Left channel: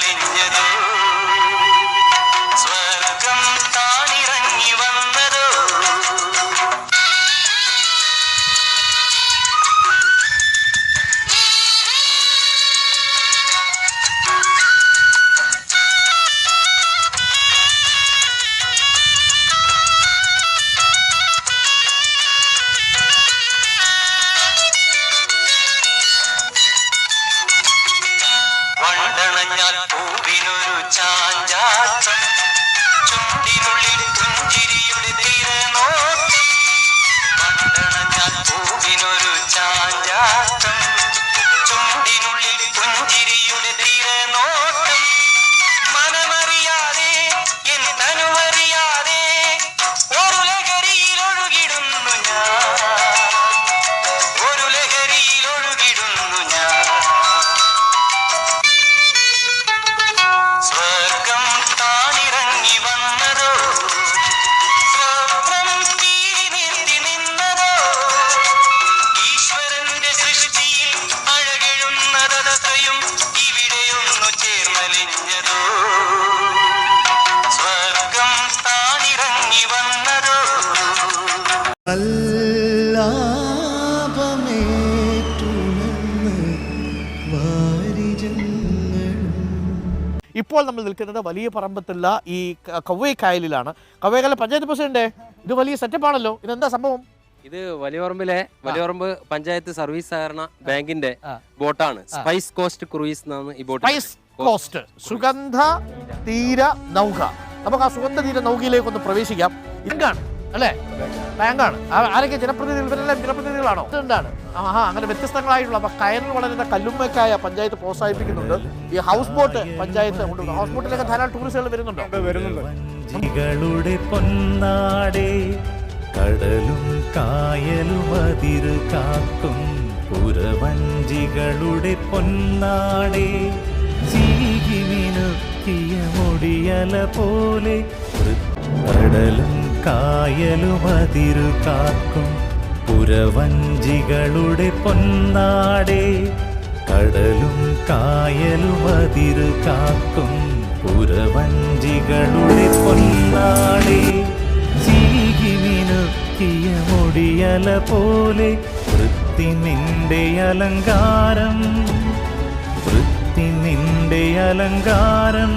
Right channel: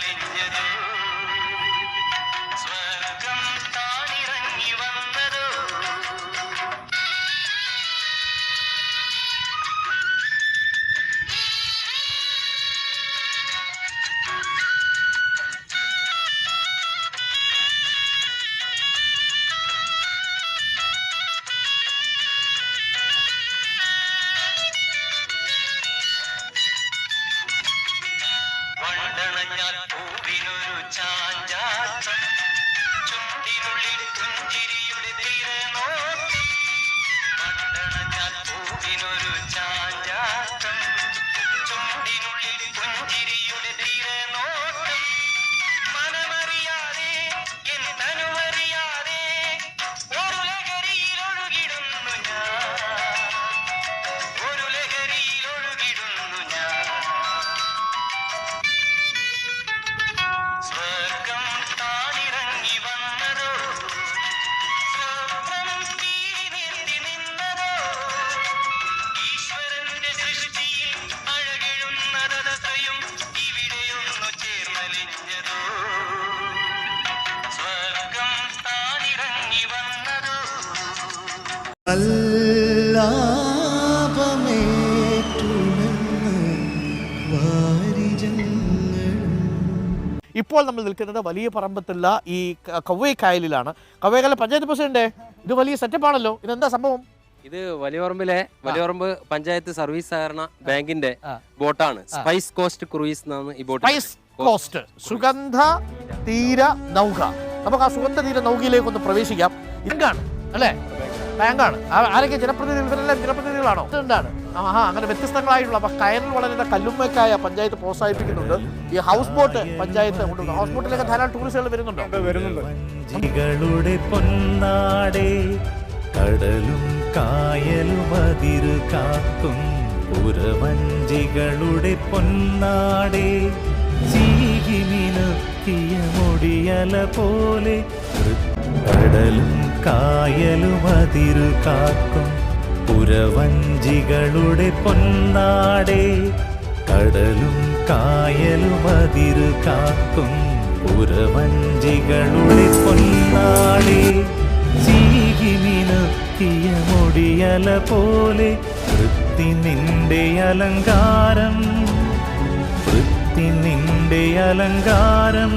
ചേർന്നലിഞ്ഞതോ സ്വർഗം താണിറങ്ങി വന്നതോ. വണ്ടണഞ്ഞാൽ പൂവിനൊരു ചാഞ്ചാട്ടം, ചുണ്ടിനുള്ളിൽ പുഞ്ചിരിയുടെ തിരനോട്ടം. വണ്ടണഞ്ഞാൽ പൂവിനൊരു ചാഞ്ചാട്ടം, ചുണ്ടിനുള്ളിൽ പുഞ്ചിരിയുടെ തിരനോട്ടം. മനമറിയാതെ എൻ തനുവറിയാതെ ഒരു ലഹരിയിൽ ഒഴുകിടുന്നു ഞാൻ, ഒരു ലഹരിയിൽ ഒഴുകിടുന്നു ഞാൻ. സ്വർഗം താണിറങ്ങി വന്നതോ സ്വപ്നം തീരി നിന്നതോ. ഈശ്വരന്റെ സൃഷ്ടിയിൽ അഴകെഴുന്നതയും ഇവിടെയൊന്നു ചേർന്നലിഞ്ഞതോ സ്വർഗം താണിറങ്ങി വന്നതോ. ഇപ്പോൾ നമ്മൾ നിൽക്കുന്നത് വലിയ പറമ്പത്തുള്ള ഈ കവ്വൈക്കായലിലാണ്. കവ്വൈക്കായൽ പഞ്ചായത്ത് പ്രസിഡന്റ്, ഇത് വലിയ സെറ്റപ്പാണല്ലോ, ഇതെന്താ സംഭവം? ഇത് വലിയപറമ്പ് പഞ്ചായത്ത് സർവീസ് സഹകരണ ബാങ്കിന്റെ ബോട്ടാണ്. സ്പൈസ് കോസ്റ്റ് ക്രൂയിസ് എന്നാണ് ഈ ബോട്ട്. സ്പൈസ് കോസ്റ്റ് സുഗന്ധ തീര നൗക. നമുക്ക് ആ സുഗന്ധ തീര നൗകയിലേക്ക് ഒന്ന് പ്രവേശിക്കാം. ഇതാണ് അല്ലേ, ബാങ്കാണ്. ആരൊക്കെ ജനപ്രതിനിധികൾ? ഇവരെല്ലാം ജനപ്രതിനിധികളാണോ? എന്താണ് അങ്ങനെ വ്യത്യസ്തങ്ങളായിട്ടുള്ള. അപ്പൊ കയറിൽ വളരുന്ന കല്ലുമ്മക്കായ പഞ്ചായത്ത് പ്രോത്സാഹിപ്പിക്കുന്നുണ്ട്. ഈ ഹൗസ് ബോട്ട് പഞ്ചായത്ത് കൊണ്ടുവന്നു. ഹൗസ് ബോട്ടിലേക്ക് ധാരാളം ടൂറിസ്റ്റുകൾ വരുന്നുണ്ടോ? വഞ്ചികളുടെ പൊന്നാടേ, കടലും കായലും അതിരു കാക്കും പുരവഞ്ചികളുടെ പൊന്നാടേ. ചീകിമിനുക്കിയ മുടിയല പോലെ കടലും കായലും അതിരു കാക്കും പുരവഞ്ചികളുടെ പൊന്നാടേ. കടലും കായലും അതിരു കാക്കും പുരവഞ്ചികളുടെ പൊന്നാടേ. ചീകിമിനുക്കിയ മുടിയല പോലെ വൃത്തി നിന്റെ അലങ്കാരം, വൃത്തി നിന്റെ അലങ്കാരം.